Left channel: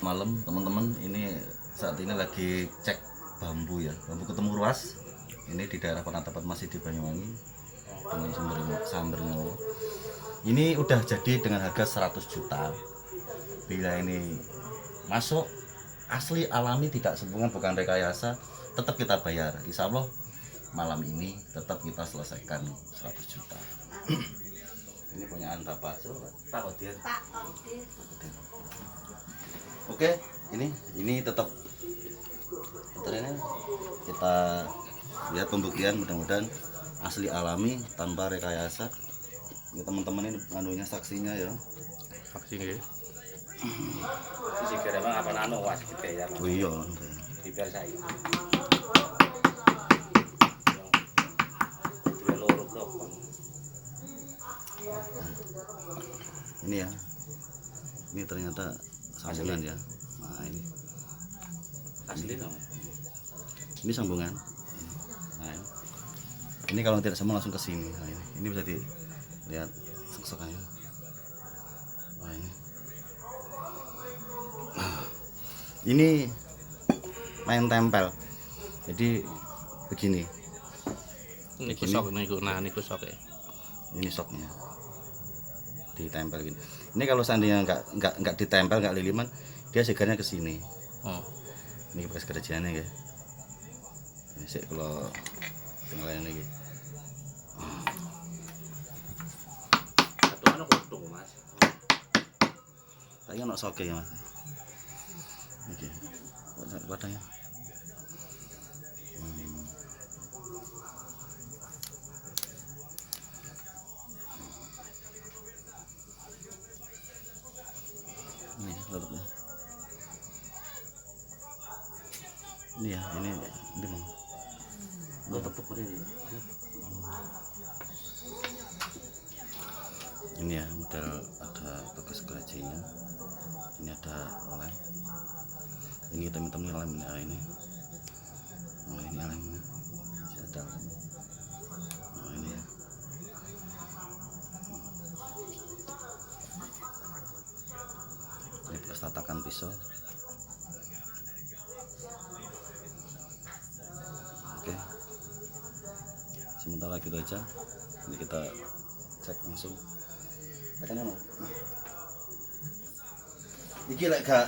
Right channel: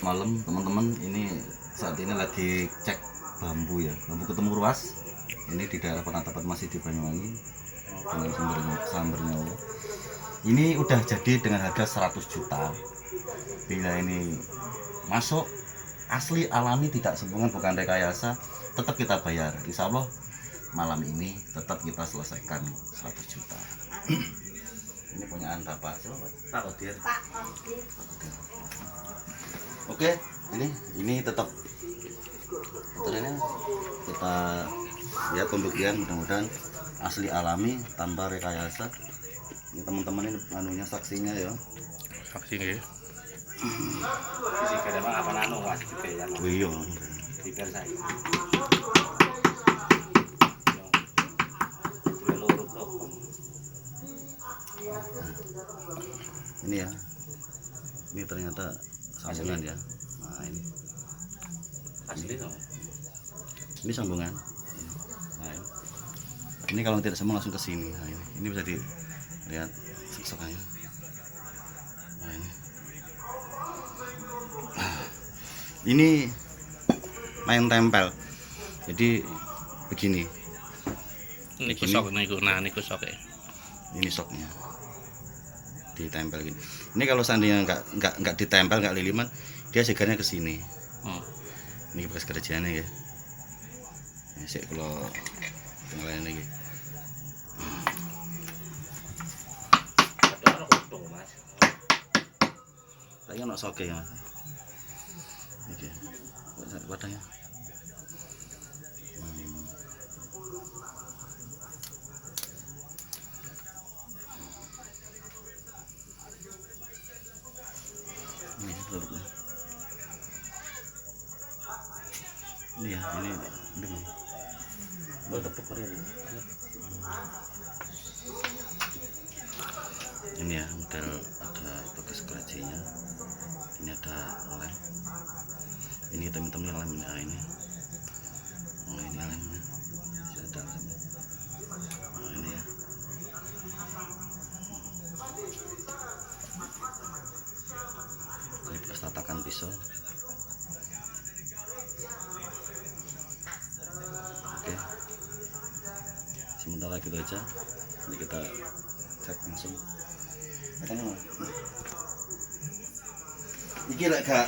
Malam teman-teman, ini saat ini lagi cek bambu ya, bambu ketemu ruas. Ini di daerah penatapan masih di Banyuwangi dengan Samber Nyawa. Ini udah jadi dengan harga 100 juta. Bila ini masuk asli alami, tidak sembungan, bukan rekayasa, tetap kita bayar. Insya Allah malam ini tetap kita selesaikan 100 juta. Ini punyaan Bapak. Pak Odir. Oke, ini tetap motornya kita lihat pembuktian, mudah-mudahan asli alami tanpa rekayasa. Ini teman-teman ini anunya, saksinya ya. Saksi nggih. Sisi kere mah apa nano was gitu ya. Iya. Di per saya. Dua loro blok. Ini ya. Ini ternyata sambungan ya. Nah, ini. Asli dong. Ini sambungan. Nah, ini kalau tidak sambung langsung ke sini. Nah, ini bisa dilihat sok-sokannya. Nah, ini main tempel. Jadi begini. Niku sok niku, nah niku sok ya. Ini soknya. Ditempel gini. Ini kalau seandainya nggak ditempel, nggak liliman, dia segarnya ke sini. Ini bekas kerjaannya ya. Ini sih kalau tinggal ini gitu. Satu kutung mas. Tadi kan mau soke ya mas. Oke. Wadahnya. Ini tutupnya. Ini ya, ini mana? Buat tepuk ini. Ini ya, model ada bekas kerajinya. Ini ada lem. Ini teman-teman lem ini. Oh ini lemnya. Ada lemnya. Oh ini ya. Ini bekas tatakan pisau. Oke. Sementara gitu aja. Ini kita cek langsung. Katanya mau. Iki lek gak